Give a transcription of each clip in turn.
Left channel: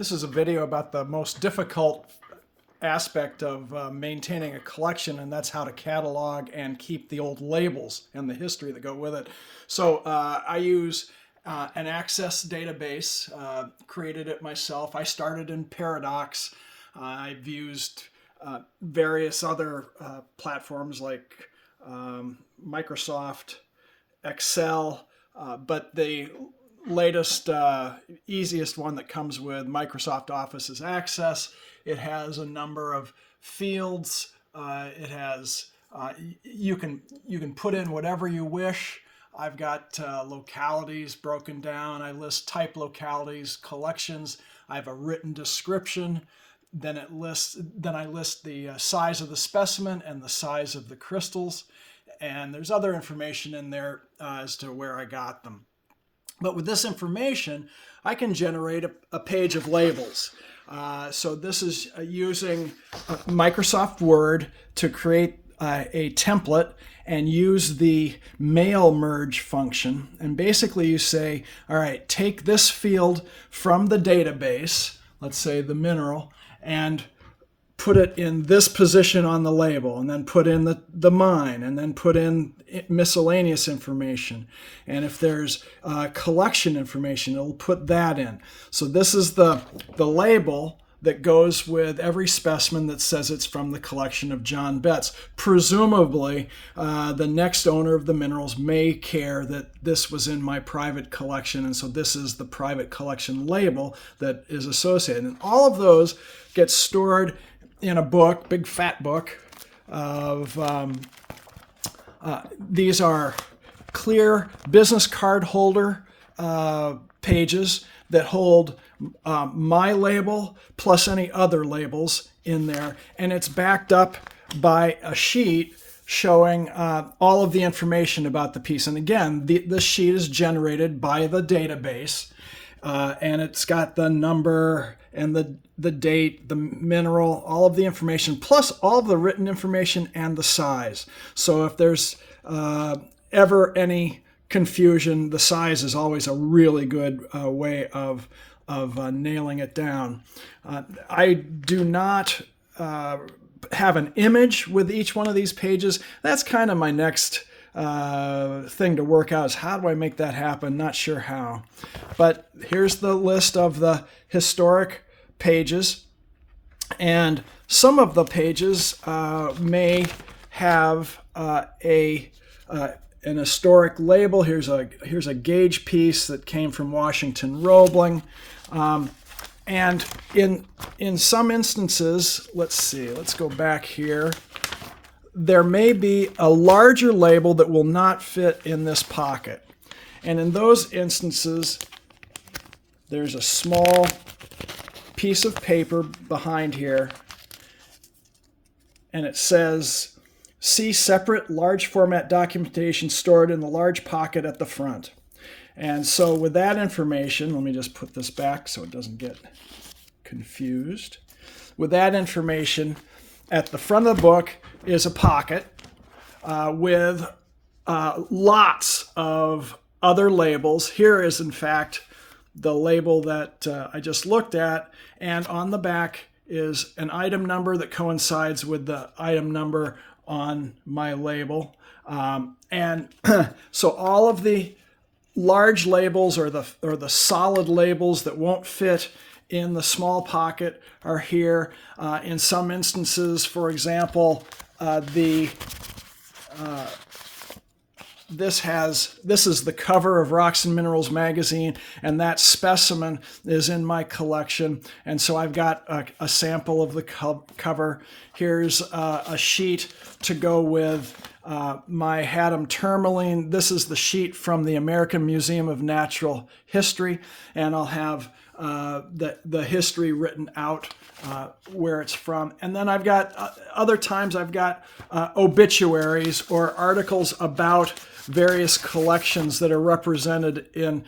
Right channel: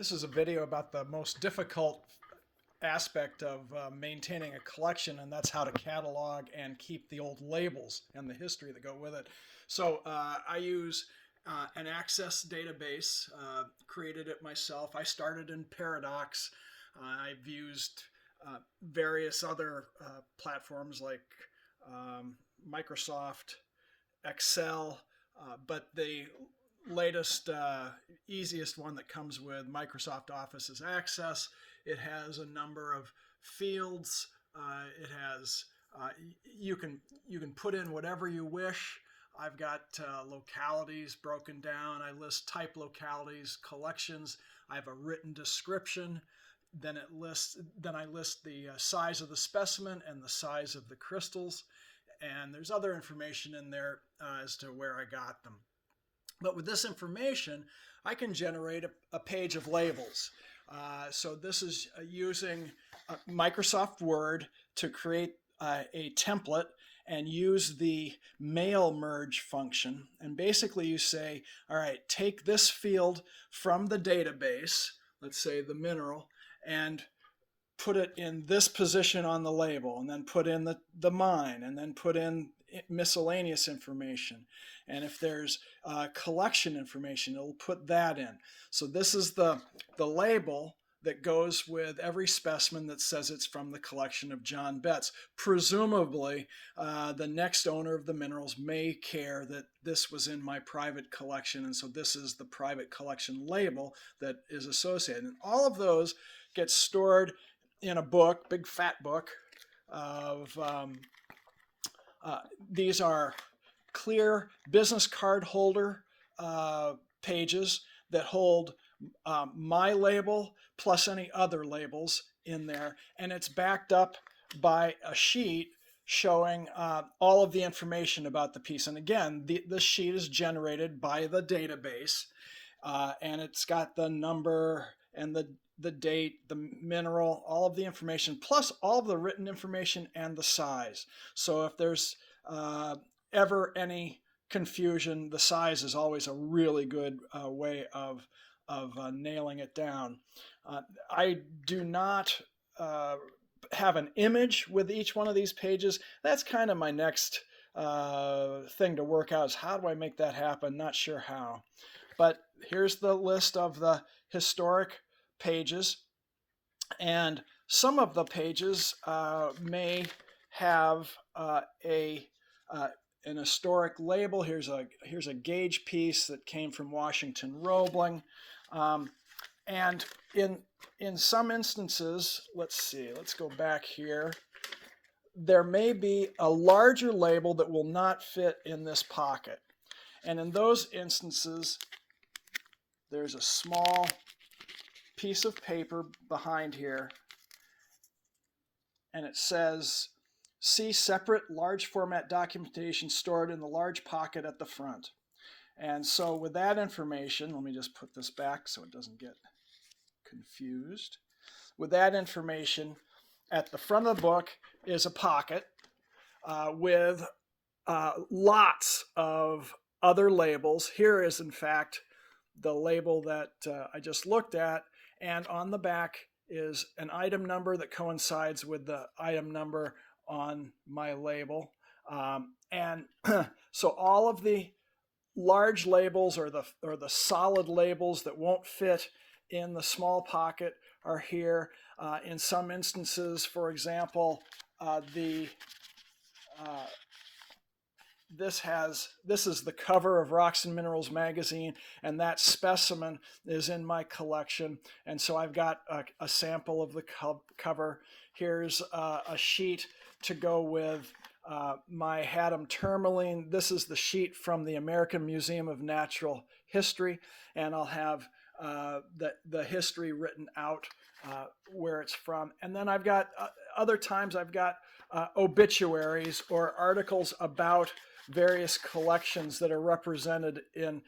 This is a video about the most difficult aspect of maintaining a collection, and that's how to catalog and keep the old labels and the history that go with it. So I use an Access database, created it myself. I started in Paradox. I've used various other platforms like Microsoft, Excel, but the latest, easiest one that comes with Microsoft Office is Access. It has a number of fields. It has you can put in whatever you wish. I've got localities broken down. I list type localities, collections. I have a written description. Then I list the size of the specimen and the size of the crystals. And there's other information in there as to where I got them. But with this information, I can generate a page of labels. So this is using Microsoft Word to create a template and use the mail merge function. And basically you say, all right, take this field from the database, let's say the mineral, and put it in this position on the label, and then put in the mine, and then put in miscellaneous information. And if there's collection information, it'll put that in. So this is the label that goes with every specimen that says it's from the collection of John Betts. Presumably, the next owner of the minerals may care that this was in my private collection, and so this is the private collection label that is associated. And all of those get stored in a book, big fat book of, these are clear business card holder pages that hold my label plus any other labels in there. And it's backed up by a sheet showing all of the information about the piece. And again, this sheet is generated by the database, and it's got the number and the date, the mineral, all of the information, plus all of the written information and the size. So if there's ever any confusion, the size is always a really good way of nailing it down. I do not have an image with each one of these pages. That's kind of my next thing to work out, is how do I make that happen? Not sure how. But here's the list of the historic pages, and some of the pages may have an historic label. Here's a gauge piece that came from Washington Roebling, and in some instances, let's go back here. There may be a larger label that will not fit in this pocket, and in those instances, there's a small piece of paper behind here, and it says, see separate large format documentation stored in the large pocket at the front. And so with that information, let me just put this back so it doesn't get confused. With that information, at the front of the book is a pocket with lots of other labels. Here is, in fact, the label that I just looked at, and on the back is an item number that coincides with the item number on my label. And so all of the large labels or the solid labels that won't fit in the small pocket are here. In some instances, for example, this is the cover of Rocks and Minerals magazine, and that specimen is in my collection. And so I've got a sample of the cover. Here's a sheet to go with my Haddam tourmaline. This is the sheet from the American Museum of Natural History, and I'll have the history written out where it's from. And then I've got other times I've got obituaries or articles about various collections that are represented in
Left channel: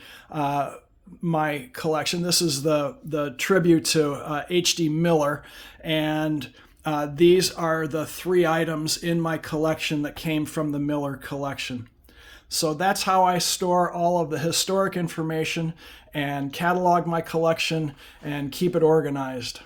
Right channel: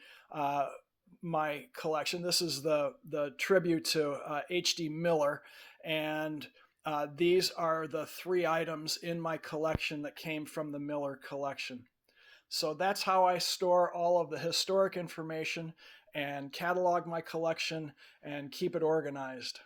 my collection. This is the tribute to H.D. Miller, and these are the 3 items in my collection that came from the Miller collection. So that's how I store all of the historic information, and catalog my collection and keep it organized.